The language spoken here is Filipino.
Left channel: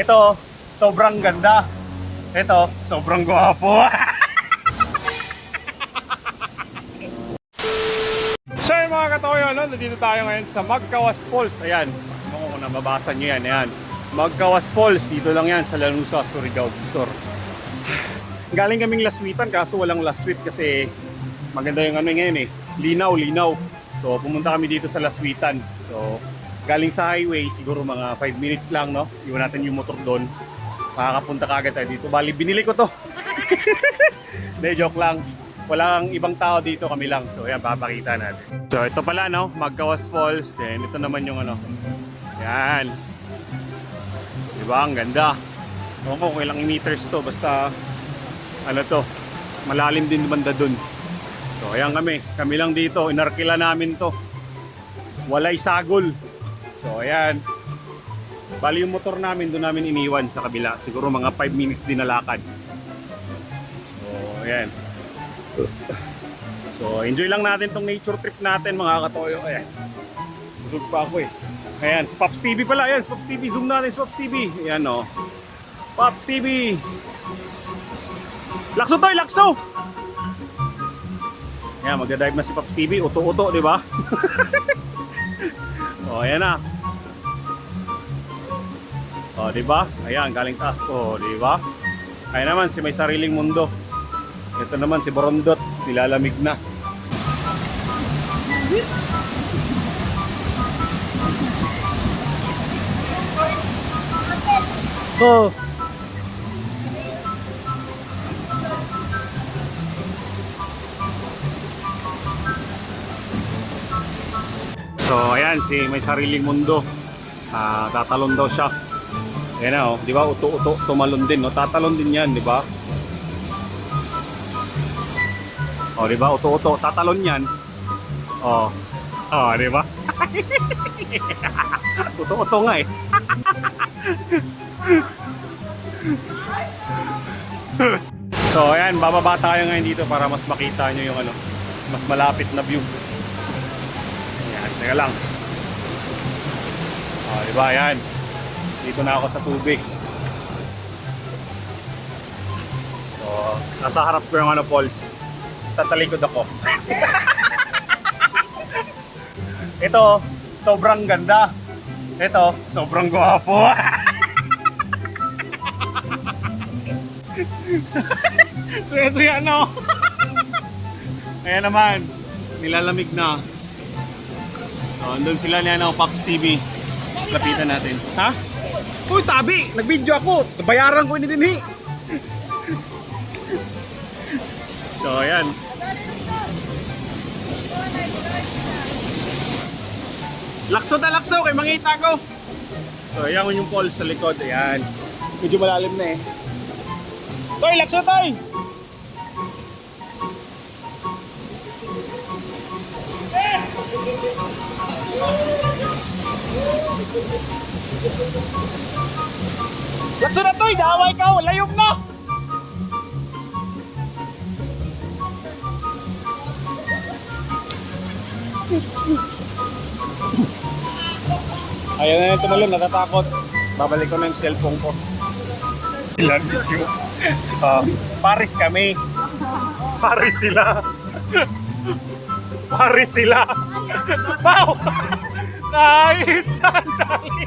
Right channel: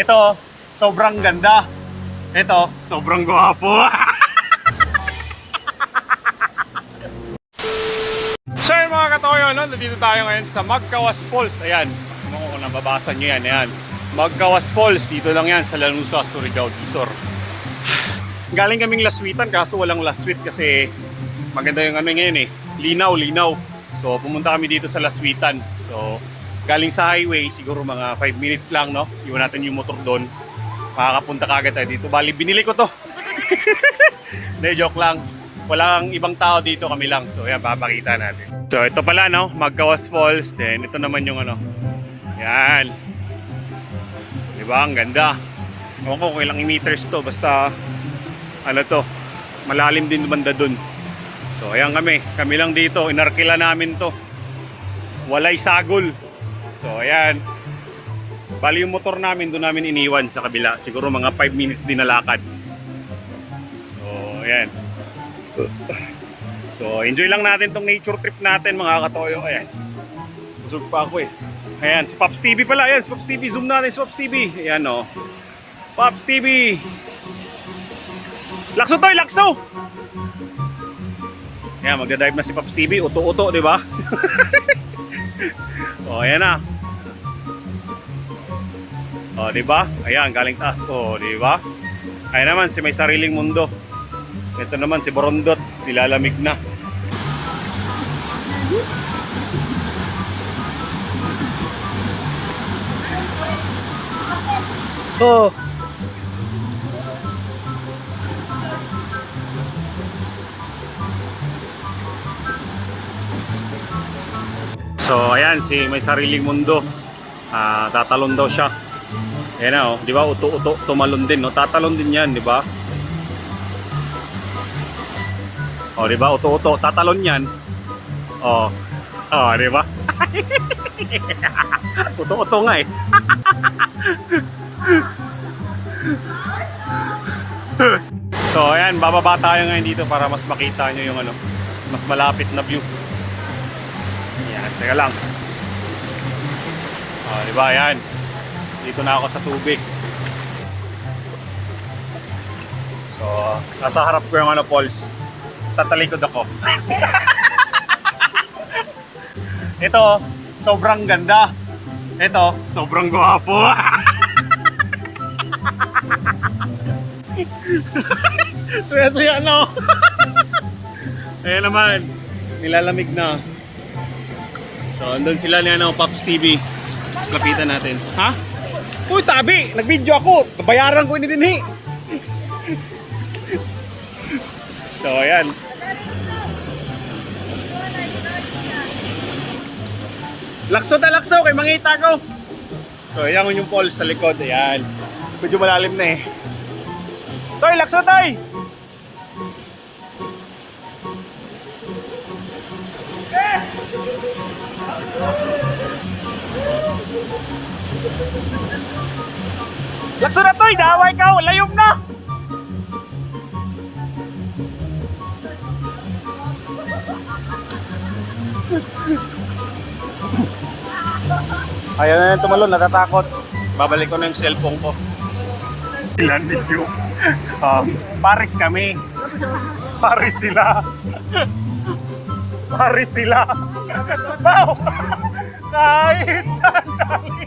Ito, sobrang ganda. Ito, sobrang gwapo. So yun mga katoyo, no? Nandito tayo ngayon sa Magkawas Falls. Ayan, kung nababasa nyo yan, ayan. Magkawas Falls, dito lang yan sa Lanuza, Surigao, Dizor. Galing kaming Laswitan, kaso walang Laswit kasi maganda yung ano ngayon eh. Linaw. So pumunta kami dito sa Laswitan. So galing sa highway, siguro mga 5 minutes lang, no? Iwan natin yung motor doon. Makakapunta kagad tayo dito. Bali, binili ko to. Hindi, joke lang. Walang ibang tao dito, kami lang. So, yan, papakita natin. So, ito pala, no? Magkawas Falls. Then, ito naman yung ano. Yan. Diba? Ang ganda. Ewan ko kung ilang meters to. Basta, ano to, malalim din banda dun. So, ayan kami. Kami lang dito. Inarkila namin to. Walay sagol. So, ayan. Bali yung motor namin, doon namin iniwan sa kabila. Siguro mga 5 minutes din na lakad. So, ayan. So, enjoy lang natin tong nature trip natin mga katoyo. Ayan. Busog pa ako eh. Ayan, si Pops TV pala. Ayan, si Pops TV. Zoom natin si Pops TV. Ayan o. Pops TV. Lakso toy, lakso! Ayan, magdadive na si Pops TV. Uto-uto, di ba? O, ayan na. O, di ba? Ayan, galing taas. O, di ba? Ayan naman, si May Sariling Mundo. Ito naman si Borondot, nilalamig na. Oh. So, ayan si May Sariling Mundo. Tatalon daw siya. Ayan na, oh, di ba? Uto-uto, tumalon din, no? Tatalon din 'yan, di ba? Oh, di ba? Uto-uto, tatalon 'yan. Oh. Oh, di ba? Uto-uto nga eh. So, ayan, bababa tayo ngayon dito para mas makita nyo yung ano, mas malapit na view. Ayan, teka lang. Oh, di ba? Ayan. Dito na ako sa tubig. So, nasa harap ko yung ano, falls. Tatalikod ako. Ito, sobrang ganda. Ito, sobrang gwapo. Suya-suya, no? Ayan naman, nilalamig na. So, andun sila niya ng Pops TV. Lapitan natin. Ha? Uy, tabi! Nag-video ako! Nabayaran ko ini dinhi! So, ayan. Lakso na lakso! Kay mangita ko! So, ayan yung falls sa likod. Ayan. Medyo malalim na eh. Toy! Lakso, Toy! Lakso na, Toy! Daway ka! Layom na! Ayan na yung tumalon, natatakot. Babalik ko na yung cellphone ko. Ilan video? Paris kami. Paris sila. Paris sila. Wow! Kahit sandali.